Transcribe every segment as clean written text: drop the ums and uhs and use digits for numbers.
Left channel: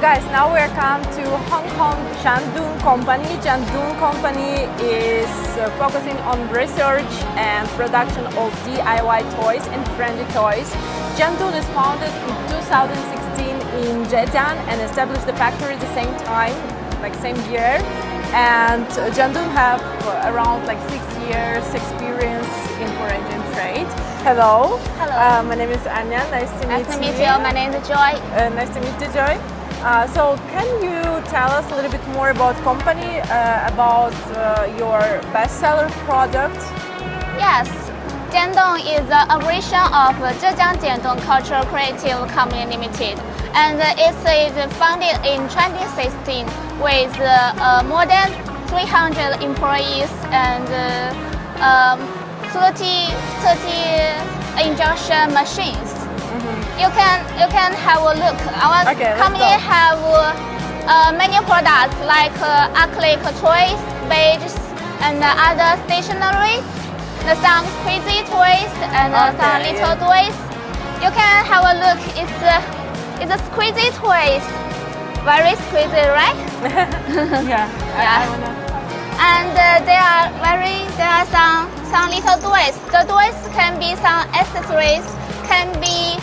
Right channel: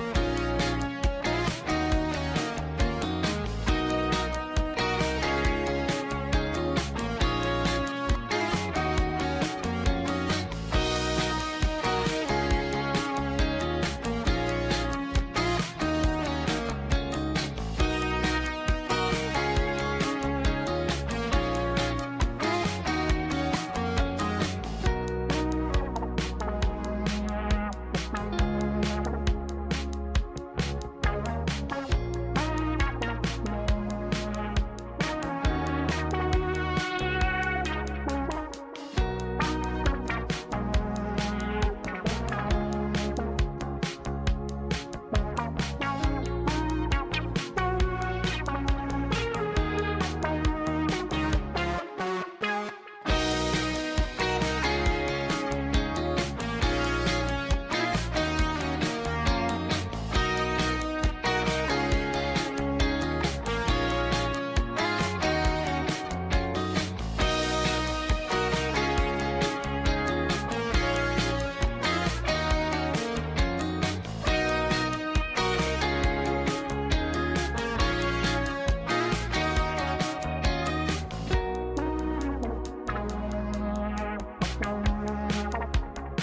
guys, now we're come to Hong Kong Jandoon company. Jandoon company is focusing on research and production of DIY toys and trendy toys. Jandoon is founded in 2016 in Zhejiang and established the factory at the same time, like same year. And Jandoon have around like 6 years experience in foreign trade. Hello. Hello. My name is Anya. Nice to meet you. Nice to meet you. My name is Joy. Nice to meet you, Joy. So can you tell us a little bit more about company, about your bestseller product? Yes. Jiandoon is the operation of Zhejiang Jiandoon Cultural Creative Company Limited, and it is founded in 2016 with more than 300 employees and 30 injection machines. You can have a look. Our company have many products like acrylic toys, badges, and other stationery. Some crazy toys and some little toys. You can have a look. It's a squeezy toys. Very squeezy, right? Yeah. And there are some little toys. The toys can be some accessories, can be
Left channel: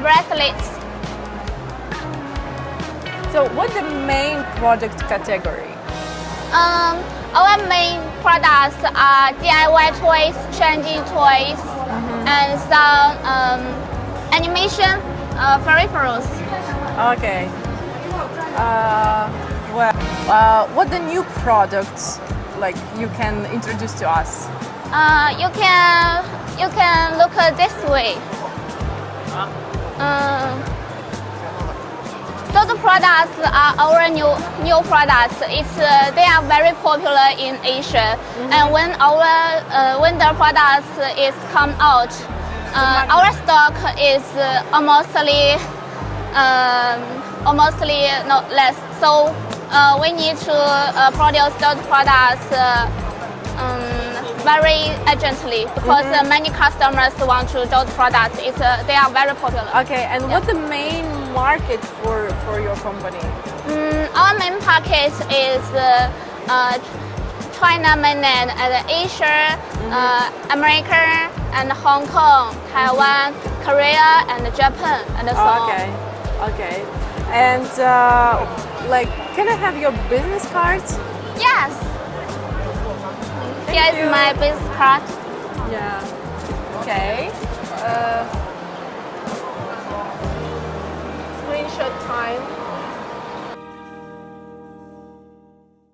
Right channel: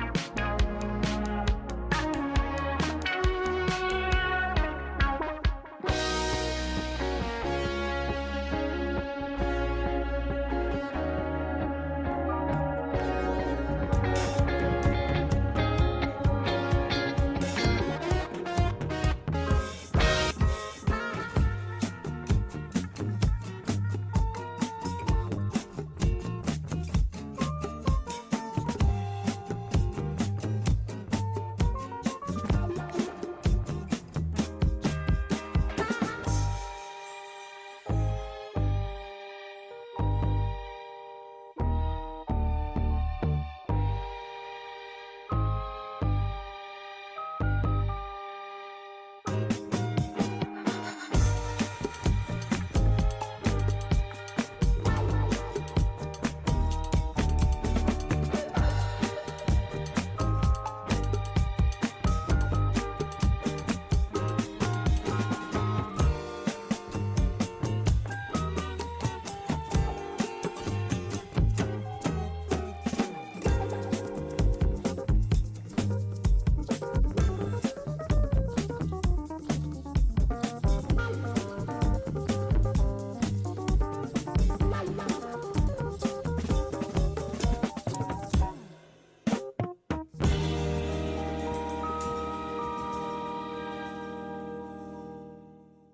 bracelets. So what's the main product category? Our main products are DIY toys, trendy toys, and some animation peripherals. Okay. What the new products like you can introduce to us? You can look this way. So the products are our new products. They are very popular in Asia, and when the products is come out, our stock is almostly not less. So we need to produce those products very urgently because many customers want to those products. They are very popular. Okay, and what's the main market for your company? Our main market is China mainland and Asia, America and Hong Kong, Taiwan, Korea and Japan and so on. Okay. And like, can I have your business card? Yes. Here's my business card.